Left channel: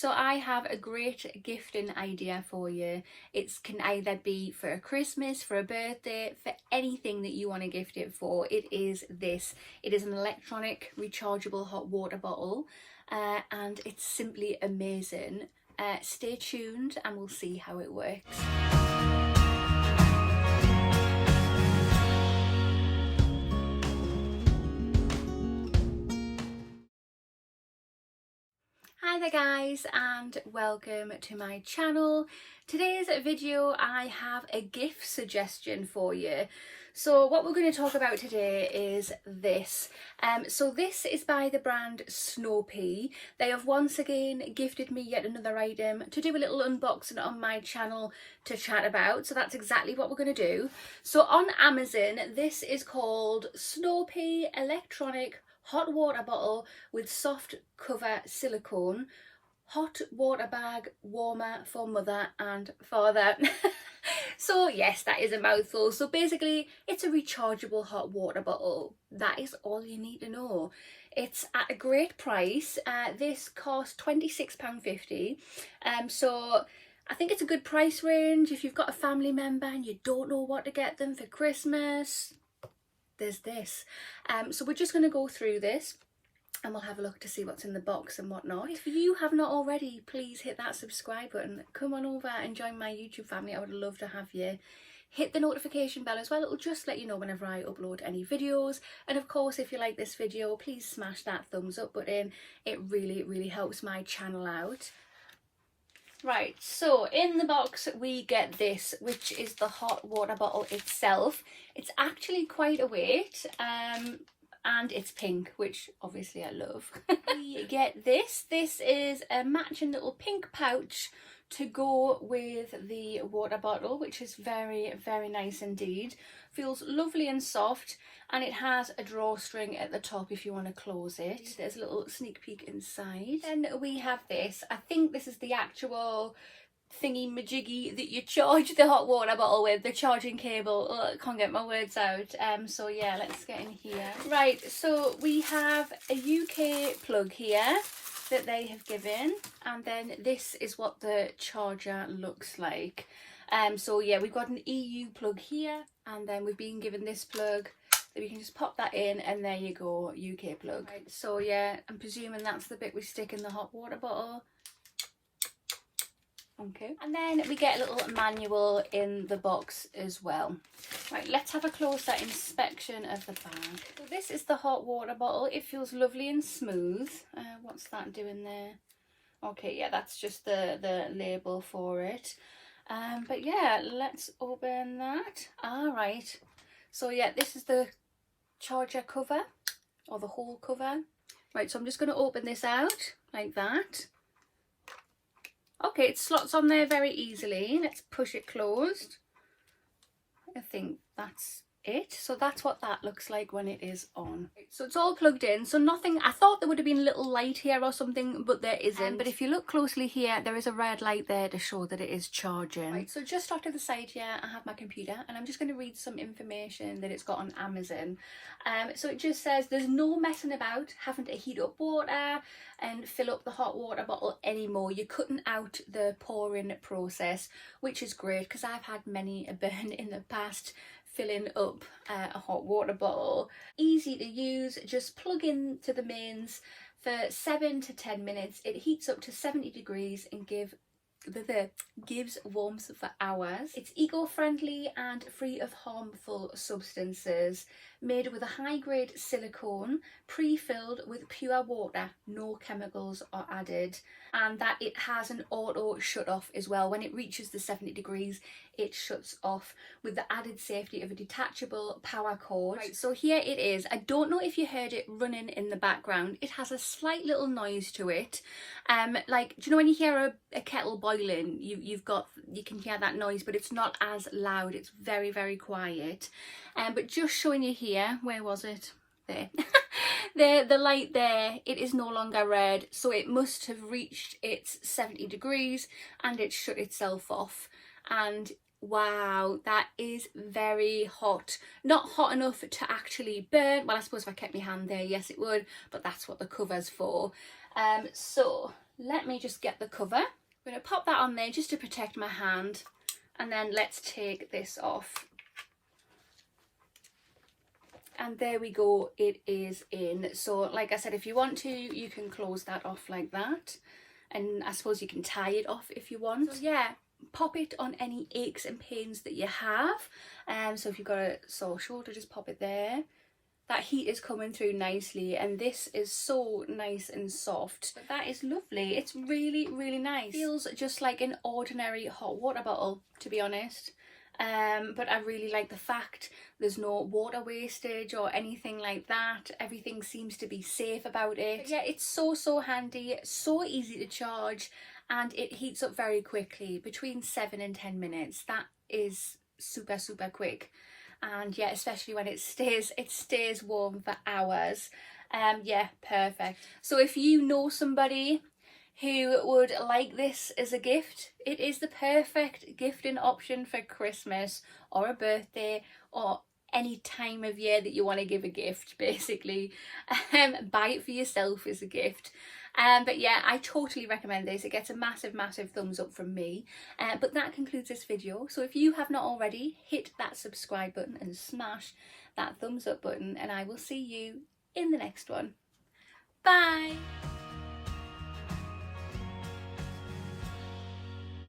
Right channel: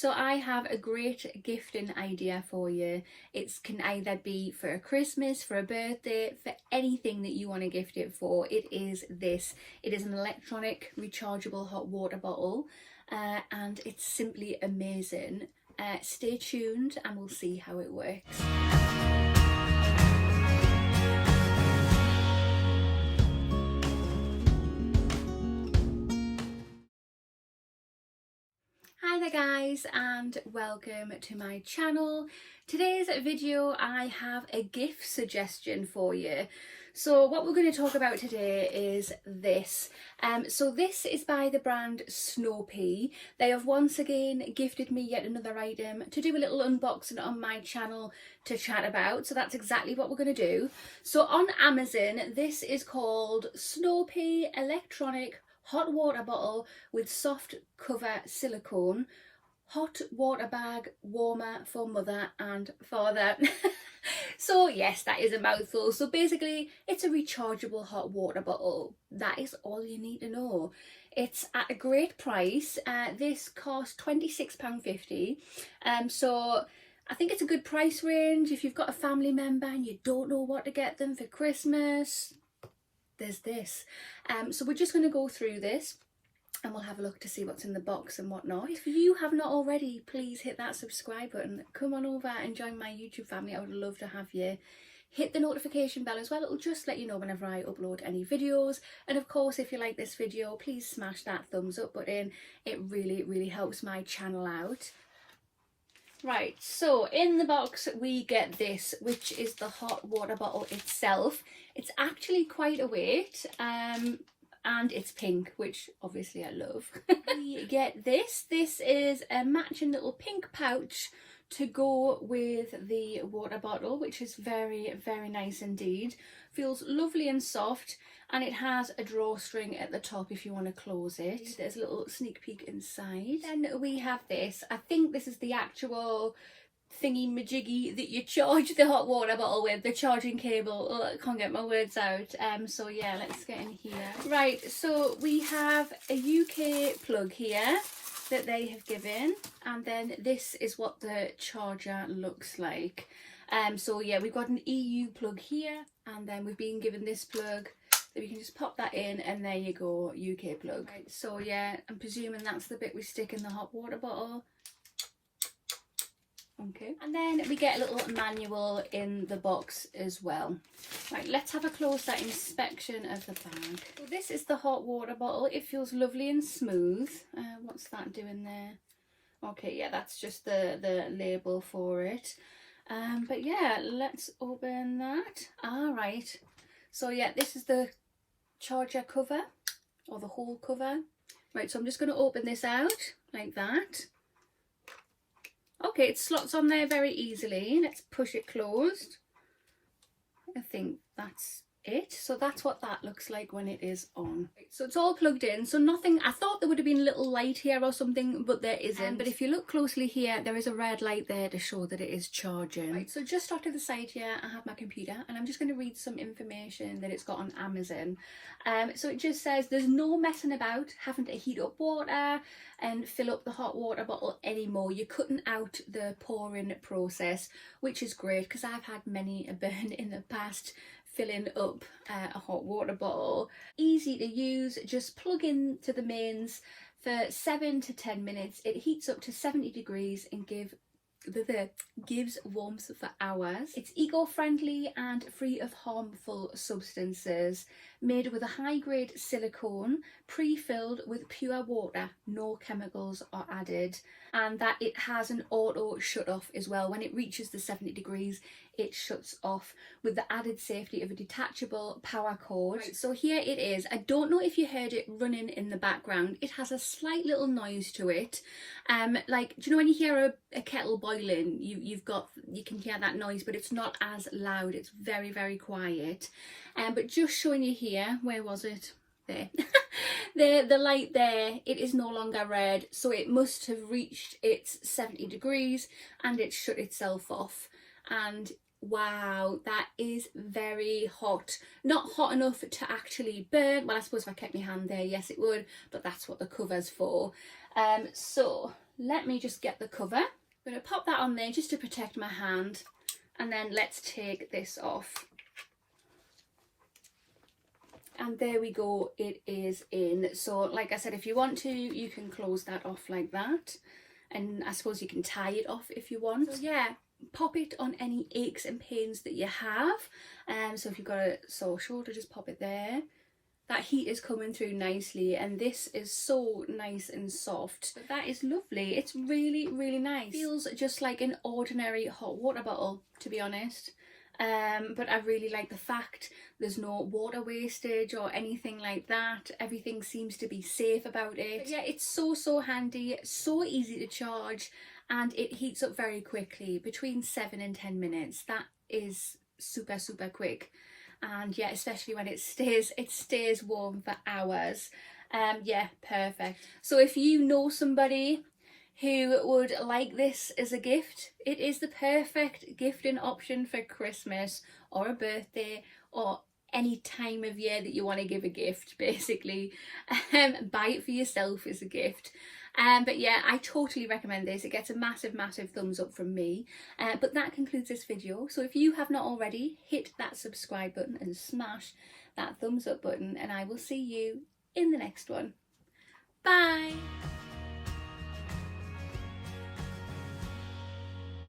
So I have a great gifting idea for you. It can either be for a Christmas, for a birthday, for anything that you want to gift it for. It is this. It is an electronic rechargeable hot water bottle, and it's simply amazing. Stay tuned and we'll see how it works. Hi there guys, and welcome to my channel. Today's video I have a gift suggestion for you. So what we're going to talk about today is this. So this is by the brand Snowpea. They have once again gifted me yet another item to do a little unboxing on my channel to chat about. So that's exactly what we're going to do. So on Amazon, this is called Snowpea Electronic Hot Water Bottle with Soft Cover Silicone. Hot water bag warmer for mother and father. So yes, that is a mouthful. So basically it's a rechargeable hot water bottle. That is all you need to know. It's at a great price. This costs £26.50. So I think it's a good price range. If you've got a family member and you don't know what to get them for Christmas, there's this. So we're just going to go through this and we'll have a look to see what's in the box and whatnot. If you have not already, please hit that subscribe button. Come on over and join my YouTube family. I would love to have you. Hit the notification bell as well. It'll just let you know whenever I upload any videos. And of course, if you like this video, please smash that thumbs up button. It really helps my channel out. Right, so in the box we get this, which is the hot water bottle itself. It's actually quite a weight, and it's pink, which obviously I love. We get this. This is a matching little pink pouch to go with the water bottle, which is very nice indeed. Feels lovely and soft, and it has a drawstring at the top if you want to close it. There's a little sneak peek inside. Then we have this. I think this is the actual thingy majiggy that you charge the hot water bottle with, the charging cable. Oh, I can't get my words out. So yeah, let's get in here. Right, so we have a UK plug here that they have given, and then this is what the charger looks like. So yeah, we've got an EU plug here, and then we've been given this plug that we can just pop that in, and there you go, UK plug. Right, so yeah, I'm presuming that's the bit we stick in the hot water bottle. Okay, and then we get a little manual in the box as well. Right, let's have a closer inspection of the bag. So this is the hot water bottle. It feels lovely and smooth. What's that doing there? Okay, yeah, that's just the label for it. But yeah, let's open that. All right, so yeah, this is the charger cover, or the whole cover. Right, so I'm just going to open this out like that. Okay, it slots on there very easily. Let's push it closed. I think that's it. So that's what that looks like when it is on. So it's all plugged in. So nothing, I thought there would have been a little light here or something, but there isn't. But if you look closely here, there is a red light there to show that it is charging. Right, so just off to the side here, I have my computer, and I'm just going to read some information that it's got on Amazon. So it just says there's no messing about having to heat up water and fill up the hot water bottle anymore. You're cutting out the pouring process, which is great because I've had many a burn in the past filling up a hot water bottle. Easy to use, just plug in to the mains for 7 to 10 minutes. It heats up to 70 degrees and gives warmth for hours. It's eco-friendly and free of harmful substances, made with a high-grade silicone, pre-filled with pure water. No chemicals are added, and that it has an auto shut off as well. When it reaches the 70 degrees, it shuts off with the added safety of a detachable power cord. Right, so here it is. I don't know if you heard it running in the background. It has a slight little noise to it. Like, do you know when you hear a kettle boiling, you can hear that noise, but it's not as loud. It's very quiet. But just showing you here, where was it? There. The light there, it is no longer red, so it must have reached its 70 degrees and it shut itself off. And wow, that is very hot. Not hot enough to actually burn. Well, I suppose if I kept my hand there, yes it would, but that's what the cover's for. So let me just get the cover. I'm going to pop that on there just to protect my hand, and then let's take this off. And there we go, it is in. So like I said, if you want to, you can close that off like that, and I suppose you can tie it off if you want. So yeah, pop it on any aches and pains that you have. So if you've got a sore shoulder, just pop it there. That heat is coming through nicely, and this is so nice and soft. But that is lovely. It's really, really nice. Feels just like an ordinary hot water bottle, to be honest. But I really like the fact there's no water wastage or anything like that. Everything seems to be safe about it. But yeah, it's so handy, so easy to charge, and it heats up very quickly, between 7 and 10 minutes. That is super quick. And yeah, especially when it stays warm for hours. Yeah, perfect. So if you know somebody who would like this as a gift, it is the perfect gifting option for Christmas or a birthday or any time of year that you want to give a gift, basically. Buy it for yourself as a gift. But yeah, I totally recommend this. It gets a massive thumbs up from me. But that concludes this video. So if you have not already, hit that subscribe button and smash that thumbs up button, and I will see you in the next one. Bye!